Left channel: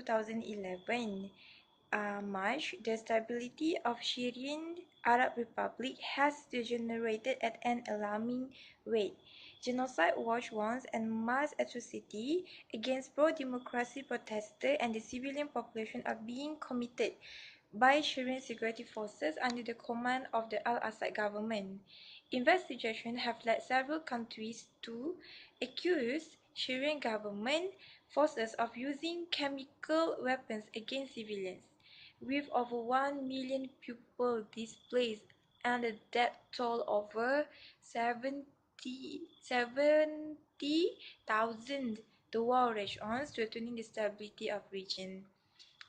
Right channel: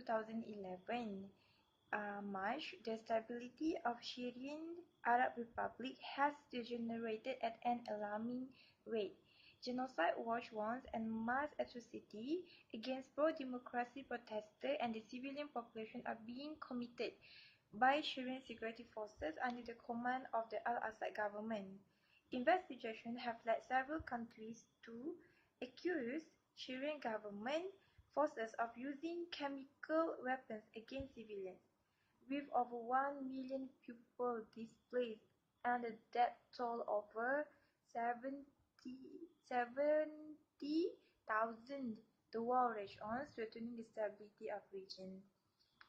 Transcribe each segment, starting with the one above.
2011 March, the stability of Syrian Arab Republic has degenerated at an alarming rate. Genocide watch warns and mass atrocity against pro-democracy protesters and the civilian population are being committed by Syrian security forces under the command of the Al-Assad government. Investigations have led several countries to accuse Syrian government forces of using chemical weapons against civilians. With over 1 million people displaced and a death toll over 70,000, the war rages on, threatening the stability of region.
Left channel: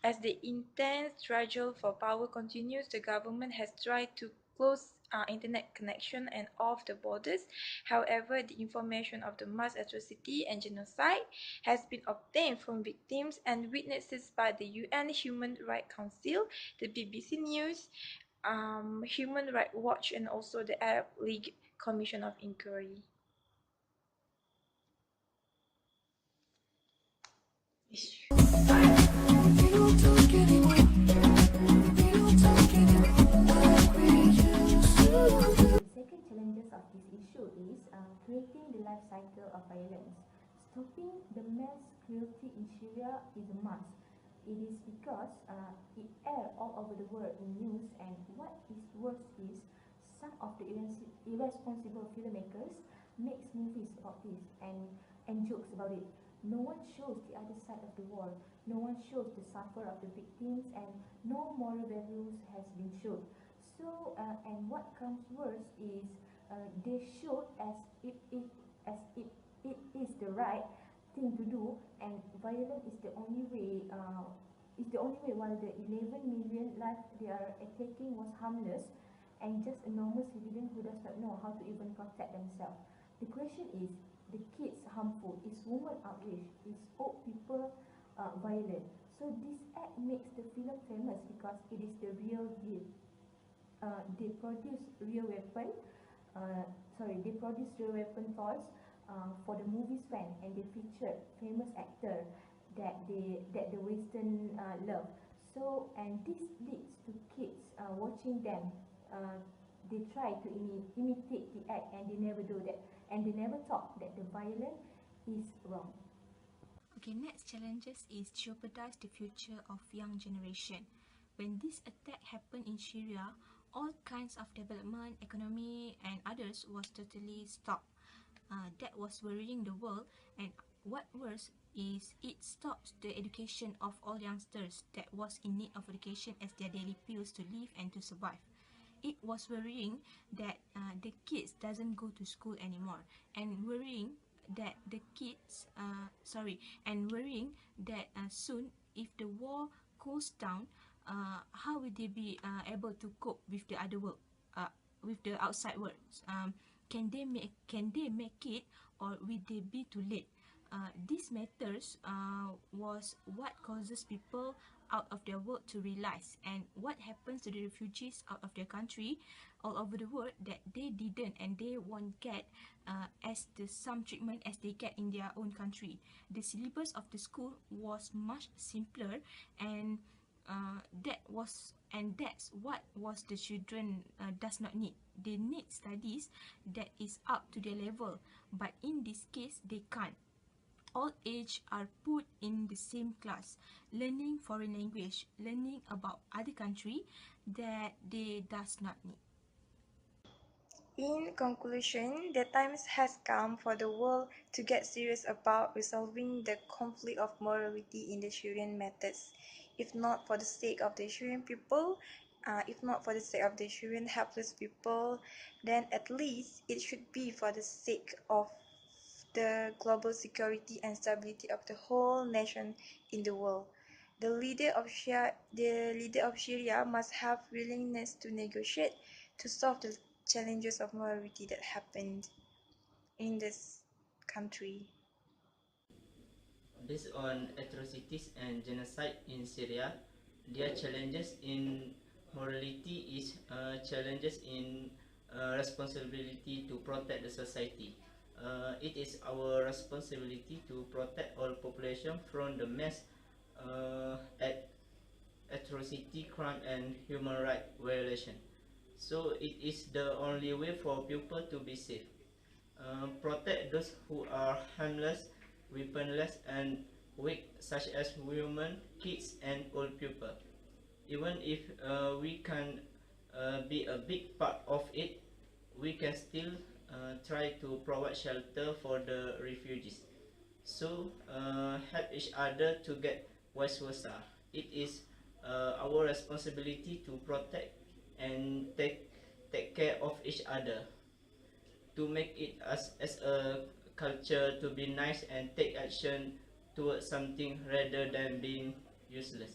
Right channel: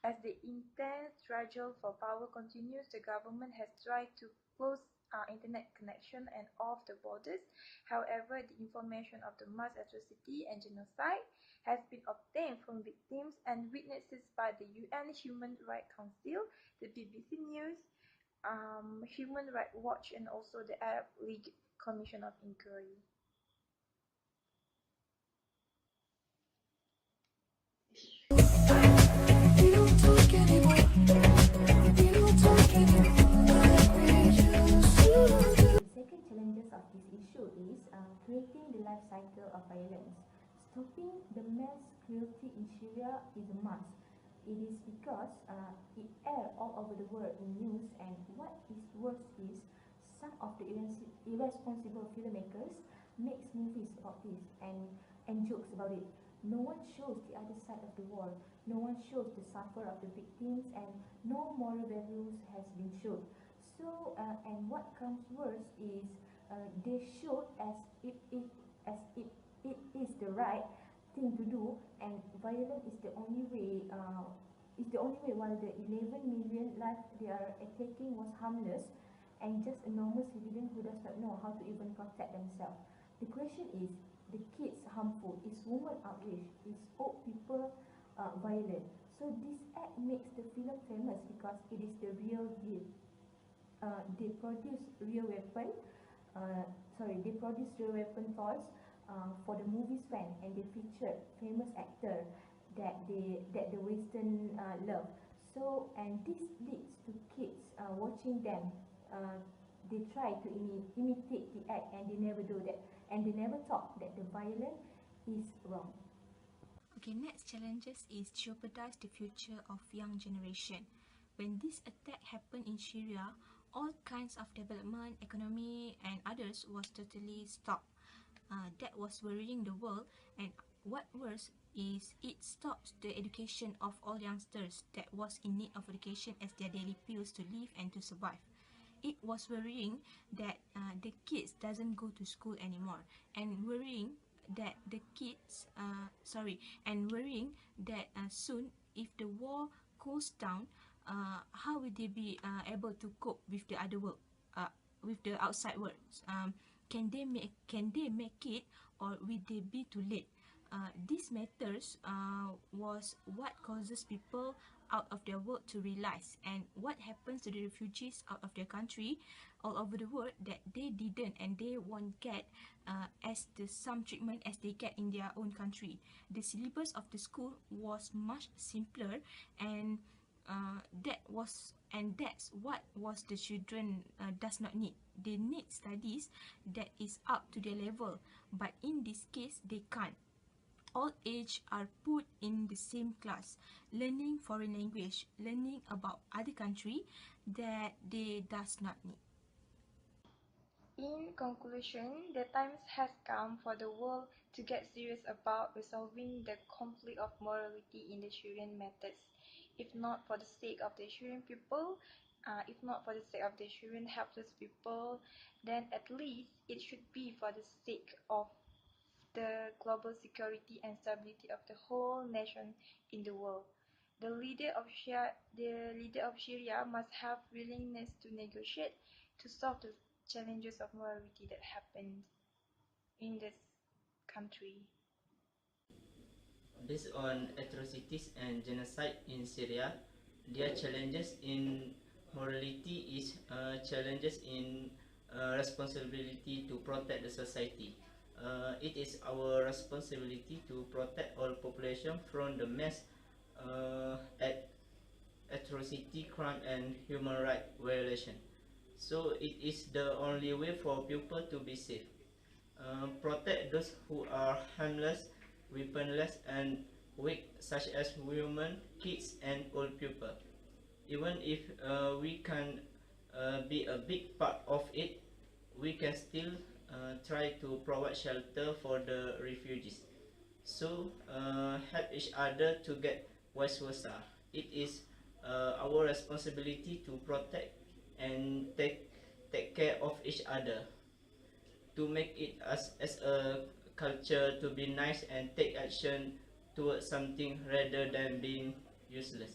As the intense struggle for power continues, the government has tried to close internet connection and off the borders. However, the information of the mass atrocity and genocide has been obtained from victims and witnesses by the UN Human Rights Council, the BBC News, Human Rights Watch, and also the Arab League Commission of Inquiry. The second challenges of this issue is creating the life cycle of violence. Stopping the mass cruelty in Syria is a must. It is because it airs all over the world in news, and what is worse is some of the irresponsible filmmakers makes movies about this and jokes about it. No one shows the other side of the war. No one shows the suffer of the victims, and no moral values has been shown. So, and what comes worse is they show as if it is the right thing to do, and violence is the only way. While the 11 million life they are attacking was harmless, and just a normal civilian who does not know how to even protect themselves. The question is, the kids harmful? Is women outraged? Is old people violent? So this act makes the film famous because it is the real deal. They produce real weapon. They produce real weapon toys for the movie's fan, and they featured famous actor that the Western love. So, and this leads to kids watching them. They try to imitate the act, and they never do that, and they never thought that the violence is wrong. Okay, next challenges is jeopardize the future of young generation. When this attack happened in Syria, all kinds of development, economy, and others was totally stopped. That was worrying the world, and what worse is it stops the education of all youngsters that was in need of education as their daily pills to live and to survive. It was worrying that the kids doesn't go to school anymore, and worrying that soon if the war cools down, how will they be able to cope with the other world, with the outside world? Can they make it, or will they be too late? These matters was what causes people out of their world to realize, and what happens to the refugees out of their country all over the world that they didn't and they won't get as the some treatment as they get in their own country. The syllabus of the school was much simpler, and that's what was the children does not need. They need studies that is up to their level, but in this case they can't. All age are put in the same class, learning foreign language, learning about other country that they does not need. In conclusion, the time has come for the world to get serious about resolving the conflict of morality in the Syrian matters. If not for the sake of the Syrian people, if not for the sake of the Syrian helpless people, then at least it should be for the sake of the global security and stability of the whole nation in the world. The leader of Syria must have willingness to negotiate to solve the challenges of morality that happened in this country. Based on atrocities and genocide in Syria, their challenges in morality is challenges in responsibility to protect the society. It is our responsibility to protect all population from the mass at atrocity, crime, and human rights violation. So it is the only way for people to be safe. Protect those who are harmless, weaponless, and weak, such as women, kids, and old people. Even if we can be a big part of it, we can still try to provide shelter for the refugees. So help each other to get vice versa. It is our responsibility to protect and take care of each other, to make it as a culture to be nice and take action towards something rather than being useless.